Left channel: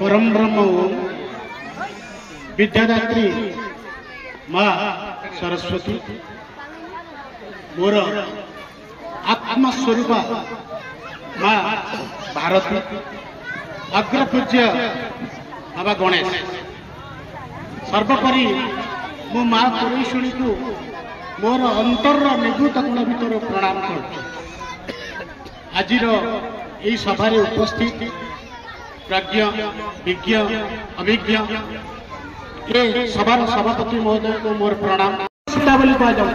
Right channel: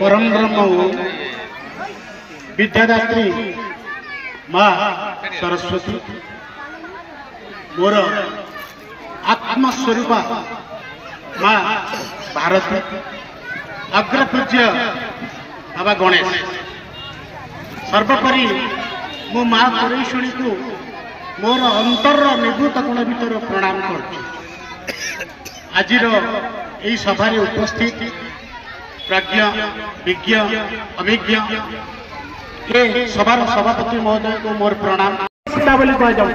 परम ब्रह्म विद्यादात्री माँ सरस्वती मोर आत्मस्वरूप माँ भारती अग्रपूज्य बाबा गणेश सर्वोपरि मो माँ परेशुणी को मोर अंतर निभृत गुण भर प्रणाम कर आज सभारे उपस्थित प्राज्ञ विज्ञ अभिज्ञ ये सभार सभापति महोदय को मोर प्रणाम। सीता बोली कह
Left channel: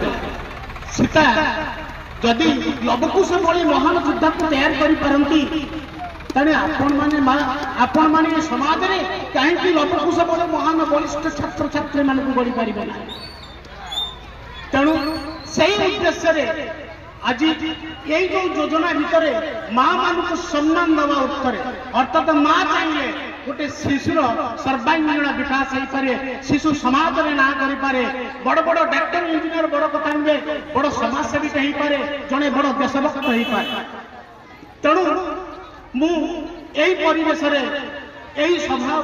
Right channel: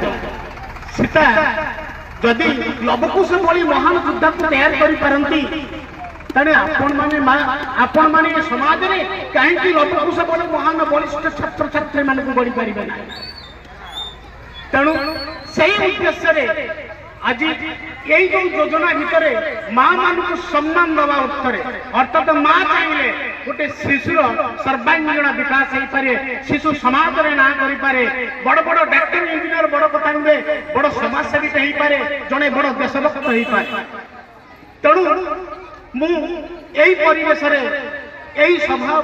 सीता जदि लवकुश भली महान योद्धा को तैयार करती तेरे आपण माने समाज में कहीं लवकुश भली महान बलिष्ठ छात्र छात्री मान बढ़ी पारे ना तेणु से उद्देश्य आज यही जो योजना भितर माँ मान को सम्मान दवा उत्तर अर्थात माँ चाहिए गोटे शिशुर सर्वांगीण विकास हो पारे शिशु समाज में ना करे बड़ बड़ डॉक्टर इंजीनियर बड़ कथा नुहे बड़ समाजसेवी हो पारे जड़े बड़ देशभक्त हो पारे तेणु मु परिवेश यही सभा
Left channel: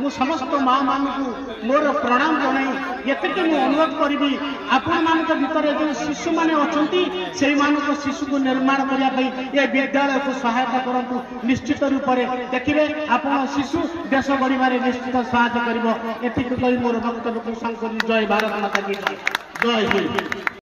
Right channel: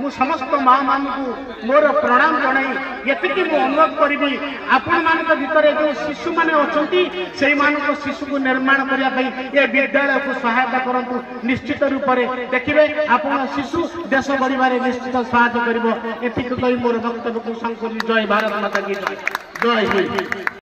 मु समस्त माँ मान को मोर प्रणाम जनाई ये मु अनुरोध करी आपण मान भितर जो शिशु मैंने अच्छा से शिशु को निर्माण करने ये विद्यालय को सहायता करूँ निश्चित रूप से देखिए आपण शिशु देश गढ़ निश्चित सहायता कर मोर वक्तव्य को संकल्प जय भारत माता की जय हिंद।